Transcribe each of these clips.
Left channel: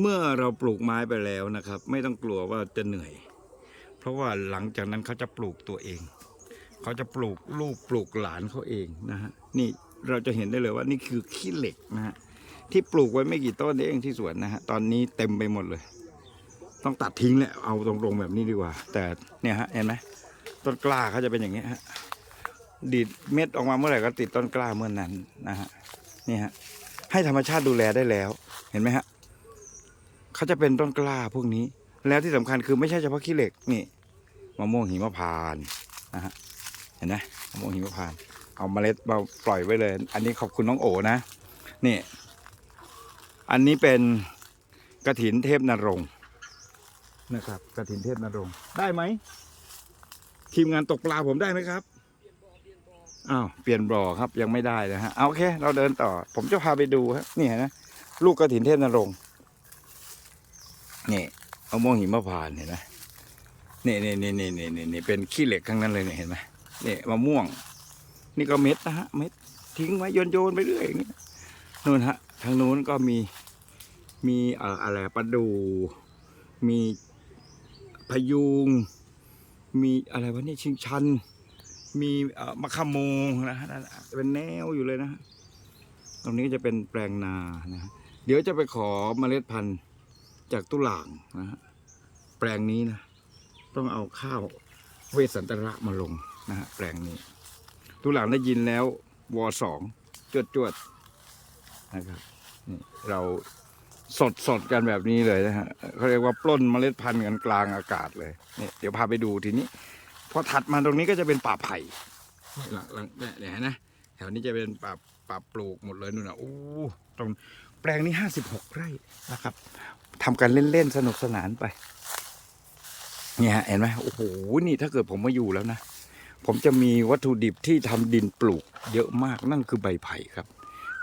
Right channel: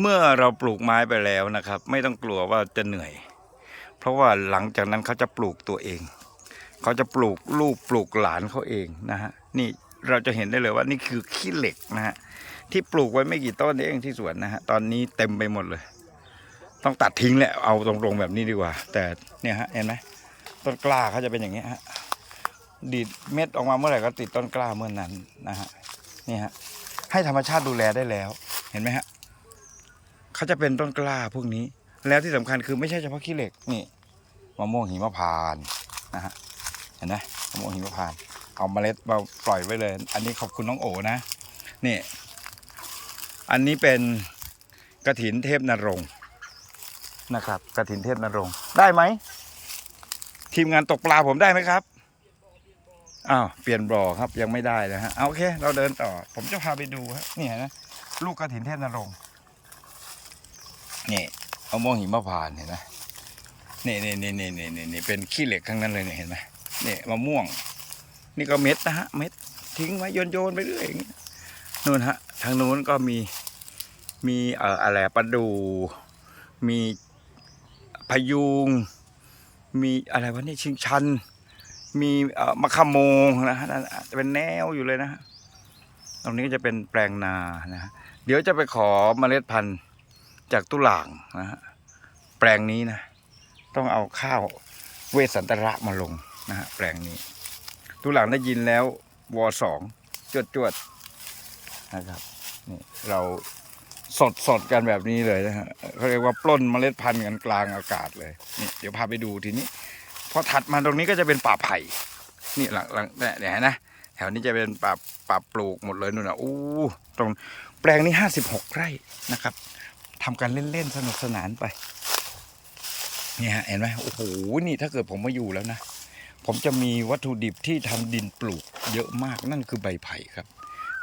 เมื่อเราปลูกไม้ไปแล้วนะครับ ไม่ต้องกลัวว่าจะเหนื่อย เพราะว่าหลังจากนั้นเขาจะปลูกตัวเอง เขาจะปลูกลูกปลูกหลานเขาเองนะฮะนี่เราจะเห็นได้เลยว่านี่คือขี้เหล็กนะฮะที่ปลูกไว้ไม่กี่ต้นเองที่สวนนะฮะตอนนี้เต็มไปหมดเลย ต้องตัดทิ้งแหละเอาตรงๆแบบนี้ดีกว่า แต่เนี่ยฮะเห็นไหมต้นกล้าเขาจะเป็นอย่างเงี้ฮะดีดเม็ดออกมาเมื่อไหร่ก็ติดต้นกล้าเมื่อนั้นนะฮะนี่ฮะให้ธรรมชาติดูแลได้แล้วเห็นไหมฮะ เขาจะเป็นต้นกล้าพวกนี้ แล้วที่สำคัญคือไม่ใช่เฉพาะขี้เหล็กนี่มะม่วงหิมพานนะฮะเห็นไหมมะม่วงหิมพานเอาเมล็ดมาปล่อยไว้เลย อันนี้ขอบคุณน้องโอนะนี่อันนี้เป็นกระถินเทพนรงค์นะครับกระถินเทพนรงค์ได้ไหมทีมงานตกปลาผมได้ไหมครับอ้าวเปลี่ยนบ่อครับยังไม่ได้เลยฮะเอาโอเค เราเดินต่อ ผมจะพาไปดูฮะนี่เห็นไหมลูกกระถินเทพนรงค์ นี่เอาม่วงหิมพานเห็นไหมนี่นี่นี่นี่นี่นี่นี่เป็นขี้เหล็กทั้งนั้นเลยเนี่ยเห็นไหมนี่มะม่วง นี่ก็เม็ดนะฮะเม็ดทิ้งไว้โยนโยนไปเรื่อยอย่างเงี้ยนู่นฮะทางนู้นก็มีมีเอ่ออะไรปลาดู มีพยุง มีอะไรวะนี่ชิงชัน มีเอ่อมะขามงนะฮะนั่นอะเป็นแนวอยู่เลยนะฮะตรงนี้ก็จะเป็นแปลงนานะฮะเดี๋ยวจะไปขอเมล็ดพันธุ์ จากตุหลางนะฮะแปลงนี้นะ ต้องเอาข้าวเวสันตระมาลงนะฮะแปลงนี้ ตุหลางได้ยินแล้ววอสองจวดจวดนะครับนี่เราสดสดกันแบบนี้เลยนะฮะเขาเรียกว่าปล้นเมล็ดพันธุ์กันกลางอากาศเลยนี่เดี๋ยวพาไปดูทีนี้พอถัดมาตรงนี้ก็จะเป็นป่าไผ่นี่หลังหลังเนี่ยนะ แถวนี้จะเป็นป่าป่าปลูกหมดเลยนู่นนะอู้ตรงแปลงนี้ห้าสิบหกไร่นะครับ ทำกันเล่นๆสนุกสนานไปเนี่ยฮะเห็นไหมโอ้โหนี่ถ้าเกิดผมมาอยู่แล้วนะ ผมจะมีวัตถุดิบที่ทำดินปลูก เยอะมากนั่นคือใบไผ่ครับ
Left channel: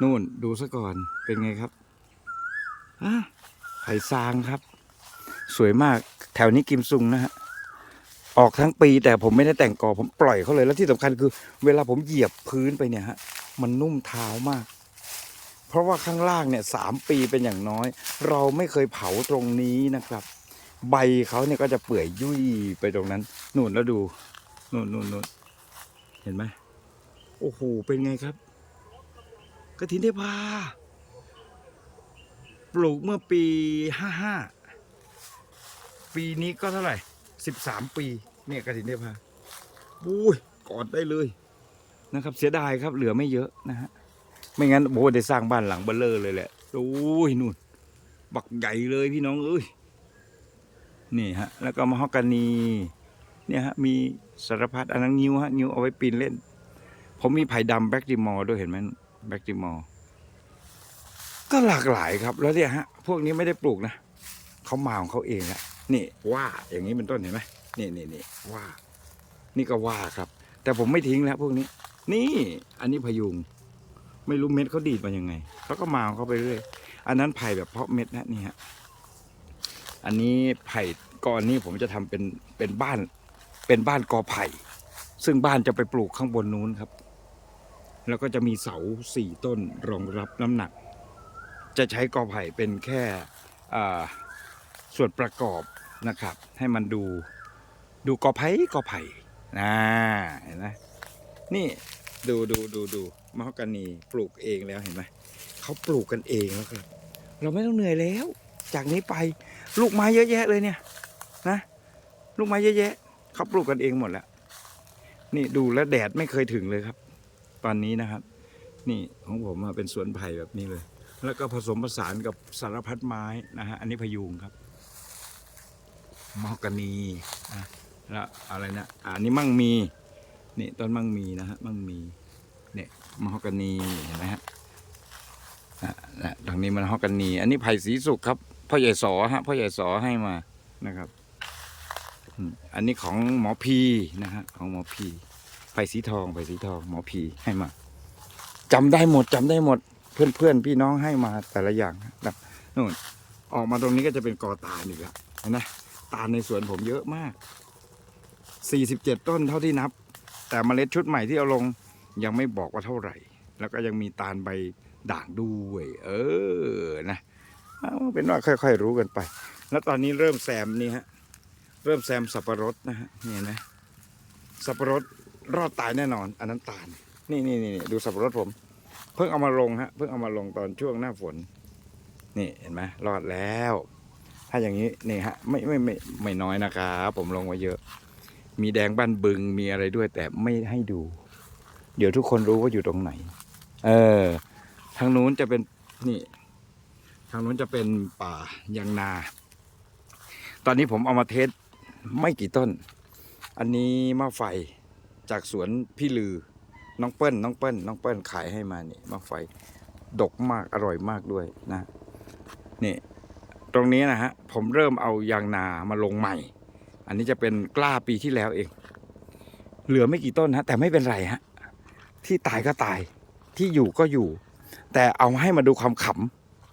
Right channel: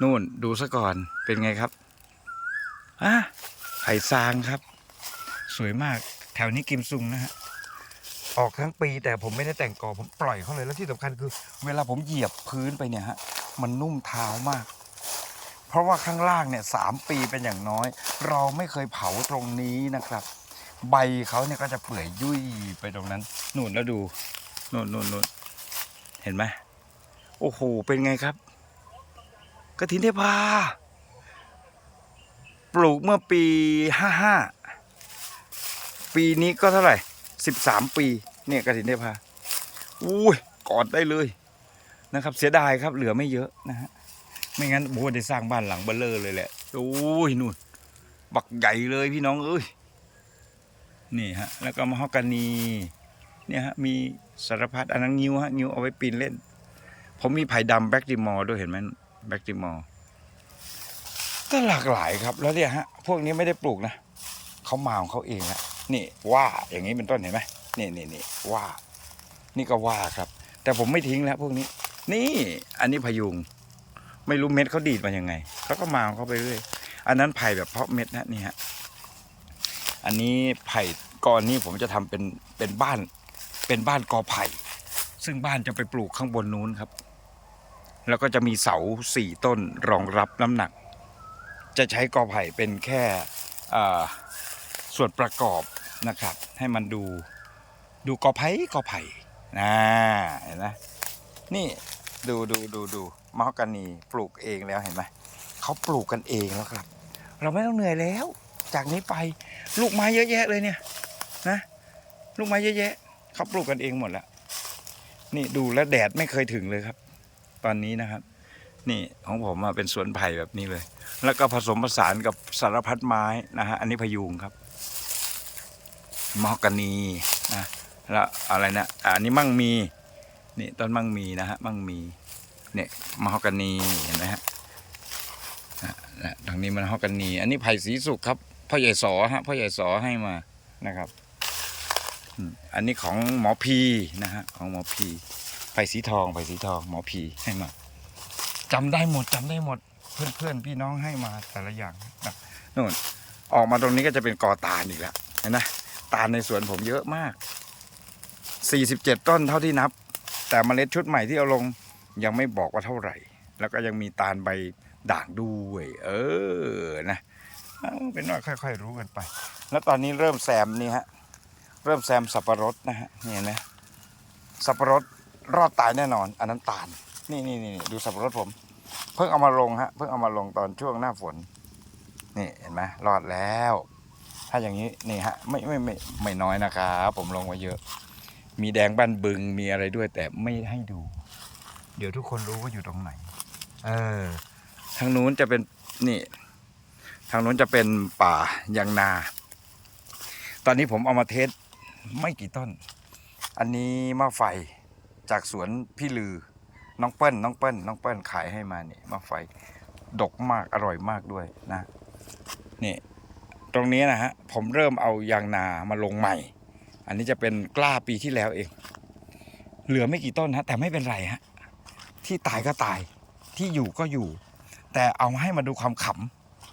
นู่นดูซะก่อนเป็นไงครับอะไผ่ซางครับ สวยมากแถวนี้กิมซุงนะฮะออกทั้งปีแต่ผมไม่ได้แต่งกอผมปล่อยเขาเลยแล้วที่สำคัญคือ เวลาผมเหยียบพื้นไปเนี่ยฮะมันนุ่มเท้ามาก เพราะว่าข้างล่างเนี่ยสามปีเป็นอย่างน้อย เราไม่เคยเผาตรงนี้นะครับ ใบเขาเนี่ยก็จะเปื่อยยุ่ยไปตรงนั้นนู่นแล้วดูนู่นนู่นนู่นเห็นไหมโอ้โหเป็นไงครับกระถินเทพาปลูกเมื่อปีห้าห้าปีนี้ก็เท่าไหร่สิบสามปีเนี่ยกระถินเทพาอุ้ยกอดได้เลยนะครับ เสียดายครับเหลือไม่เยอะนะฮะ ไม่งั้นโบได้สร้างบ้านหลังเบลเลอร์เลยแหละโอ้ยนู่นบักใหญ่เลยพี่น้องเอ้ยนี่ฮะ แล้วก็มะฮอกกานีเนี่ยฮะมีสารพัดอันนั้นงิ้วฮะงิ้วเอาไว้ปีนเล่น ผมมีไผ่ดำแบ็กดิมอร์ด้วยเห็นไหมแบ็กดิมอร์ก็หลากหลายครับ แล้วเนี่ยฮะ พวกนี้ไม่ได้ปลูกนะเขามาของเขาเองละนี่ว่าอย่างนี้เป็นต้นเห็นไหมนี่นี่นี่ว่า นี่ก็ว่าครับ แต่ผมไม่ทิ้งแล้วพวกนี้ นี่ อันนี้พยุง ไม่รู้เม็ดเขาดีดมายังไงเขาก็มาของเขาไปเรื่อยอันนั้นไผ่แบบเพาะเม็ดนะนี่ฮะอันนี้ไผ่กอนนี้ผมจะทำเป็นเป็นบ้าน เป็นบ้านกอไผ่ ซึ่งบ้านจะไปปลูกข้างบนนู้นครับ แล้วก็จะมีเสาสี่ต้นรองรับน้ำหนัก จะใช้กอไผ่เป็นแค่ส่วนประกอบนะครับ ให้มันดูดูกอไผ่กอไผ่นะเห็นไหมนี่ ดูดูดูดูมะฮอกกานีปลูกเองแล้วเห็นไหมเขาปลูกกันเองแล้วครับ เราไม่ต้องเหนื่อยแล้ว จากนี้ไปลูกไม้เยอะแยะเลยเนี่ยนะ ลูกไม้เยอะแยะเขาปลูกกันเองหมดแล้ว นี่ดูแลแดดไม่เคยถึงเลยครับ ตอนนี้นะครับ นี่ของผมเป็นสวนไผ่แบบนี้เลย แล้วก็ผสมผสานกับสารพัดไม้นะฮะอันนี้พยุงครับมอกกานีนะแล้วอะไรนะอันนี้มั่งมี นี่ต้นมั่งมีนะฮะมั่งมีเนี่ยมอห์กกานีเห็นไหมฮะนะตรงนี้มันมอกกานี อันนี้ไผ่สีสุกครับพ่อใหญ่สอฮะพ่อใหญ่สอให้มานะครับอันนี้ของหมอพีนะฮะของหมอพีไผ่สีทองไผ่สีทองหมอพีให้มาจำได้หมดจำได้หมดเพื่อนเพื่อนพี่น้องให้มาแต่ละอย่างนะนู่นออกมาตรงนี้ก็จะเป็นกอตาลอีกแล้วเห็นไหมตาลในสวนผมเยอะมาก 47 ต้นเท่าที่นับ แต่เมล็ดชุดใหม่ที่เอาลงยังไม่บอกว่าเท่าไหร่ แล้วก็ยังมีตาลใบด่างด้วย เออนะเป็นว่าค่อย ๆ รู้กันไป แล้วตอนนี้เริ่มแซมนี่ฮะเริ่มแซมสับปะรดนะฮะนี่เห็นไหมสับปะรดรอดตายแน่นอน อันนั้นตาลนี่นี่นี่ดูสับปะรดผม เพิ่งเอามาลงฮะเพิ่งเอามาลงตอนช่วงหน้าฝน นี่เห็นไหมรอดแล้ว ถ้าอย่างนี้นี่ฮะไม่ไม่ไม่ไม่น้อยนะครับผมลงไว้เยอะ มีแดงบ้านบึงมีอะไรด้วย แต่ไม่ให้ดู เดี๋ยวทุกคนรู้ว่าอยู่ตรงไหน เออ ทางนู้นจะเป็นนี่ ทางนู้นจะเป็นป่ายางนา ตอนนี้ผมเอามาเทสไม่กี่ต้น อันนี้มะไฟจากสวนพี่ลือ น้องเปิ้ลน้องเปิ้ลน้องเปิ้ลขายให้มานี่มะไฟดกมากอร่อยมากด้วยนะนี่ตรงนี้นะฮะผมเริ่มเอายางนามาลงใหม่ อันนี้จะเป็นกล้าปีที่แล้วเอง เหลือไม่กี่ต้นฮะแต่ไม่เป็นไรฮะที่ตายก็ตายที่อยู่ก็อยู่ แต่เอาให้มาดูความข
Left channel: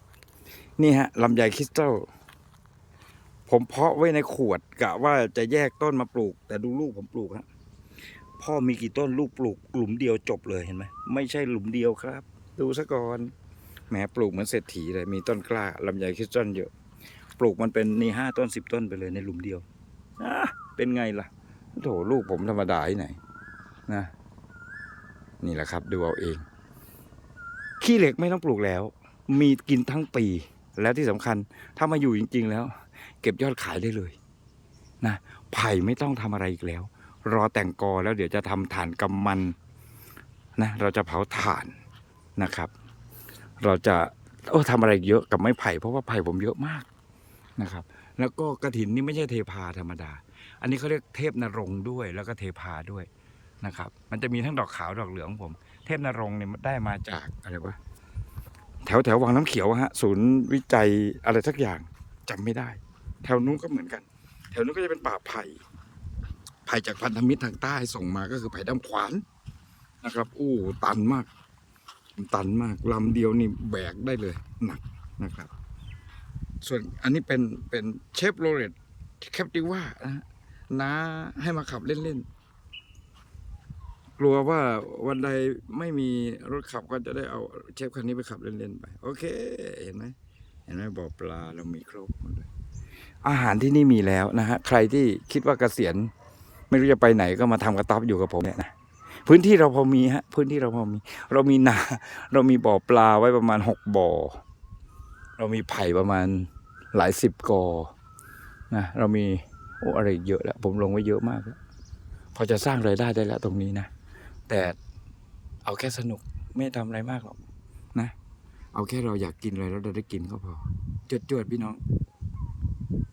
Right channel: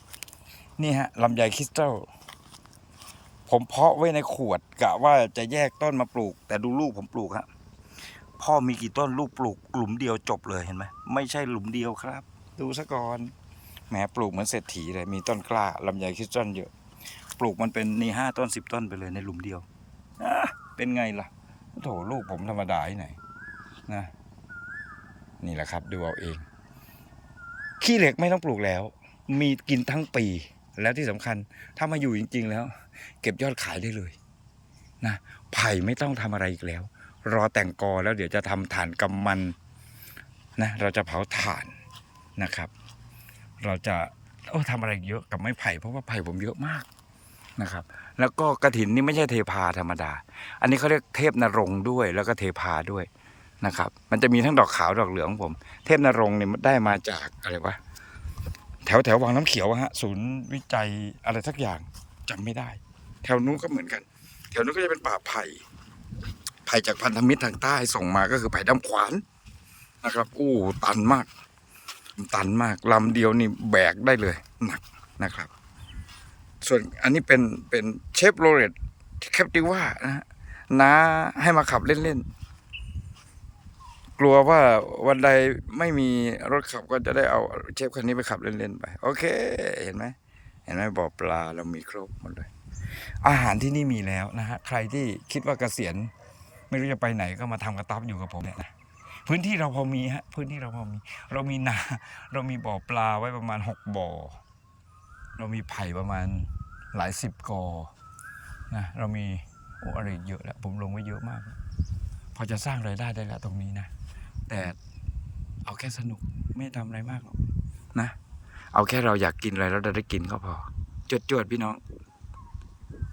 ำนี่ฮะลำไยคริสตัลผมเพาะไว้ในขวดกะว่าจะแยกต้นมาปลูก แต่ดูลูกผมปลูกฮะพ่อมีกี่ต้นลูกปลูกหลุมเดียวจบเลยเห็นไหมไม่ใช่หลุมเดียวครับ ดูซะก่อนแหมปลูกเหมือนเศรษฐีเลยมีต้นกล้าลำไยคริสตัลเยอะ ปลูกมันเป็นนี่ห้าต้นสิบต้นไปเลยในหลุมเดียว อะเป็นไงล่ะโถลูกผมธรรมดาที่ไหนนะนี่แหละครับ ดูเอาเอง ขี้เหล็กไม่ต้องปลูกแล้ว มีกินทั้งปี แล้วที่สำคัญถ้ามาอยู่จริง ๆ แล้ว เก็บยอดขายได้เลยนะไผ่ไม่ต้องทำอะไรอีกแล้ว รอแต่งกอแล้วเดี๋ยวจะทำถ่านกำมันนะเราจะเผาถ่านนะครับ เราจะโอ้ทำอะไรเยอะกับไม้ไผ่เพราะว่าไผ่ผมเยอะมากนะครับ แล้วก็กระถินนี่ไม่ใช่เทพาธรรมดา อันนี้เขาเรียกเทพนรงด้วยแล้วก็เทพาด้วยนะครับ มันจะมีทั้งดอกขาวดอกเหลืองผม เทพนรงเนี่ยได้มาจากอะไรวะแถวแถววังน้ำเขียวฮะศูนย์วิจัยอะไรสักอย่างจำไม่ได้ แถวนู้นก็เหมือนกัน แถวนู้นก็จะเป็นป่าไผ่ไผ่จากพันธมิตรทางใต้ส่งมาก็คือไผ่ดำขวานนะครับ อู้ตันมาก ตันมากลำเดียวนี่แบกได้เลยหนักนะครับ ส่วนอันนี้เป็นเป็นเชฟโรเลตแคปติว่านะฮะน้าให้มาขับเล่นๆ กลัวว่าวันใดไม่มีรถขับก็จะได้เอาเชฟคันนี้ไปขับเล่นๆไป โอเค เห็นไหมเห็นไหมบ่อปลาเรามีครบหมดเลย อาหารที่นี่มีแล้วนะฮะ ใครที่คิดว่าเกษียณ ไม่รู้จะไปไหนก็มาทำกระต๊อบอยู่กับผมเนี่ยนะพื้นที่เราพอมีฮะ พื้นที่เราพอมี เรามีนา เรามีบ่อปลาไว้ประมาณหกบ่อ เรามีไผ่ประมาณหลายสิบกอนะเรามีโอ้อะไรเยอะแล้วผมลงไว้เยอะมากแล้วพอจะสร้างรายได้ได้แล้วตรงนี้นะ แต่เอาแค่สนุกไม่ทำอะไรมากหรอกนะ เอาแค่เราอยากกินอะไรแล้วเราได้กินก็พอจวดๆพี่น้อง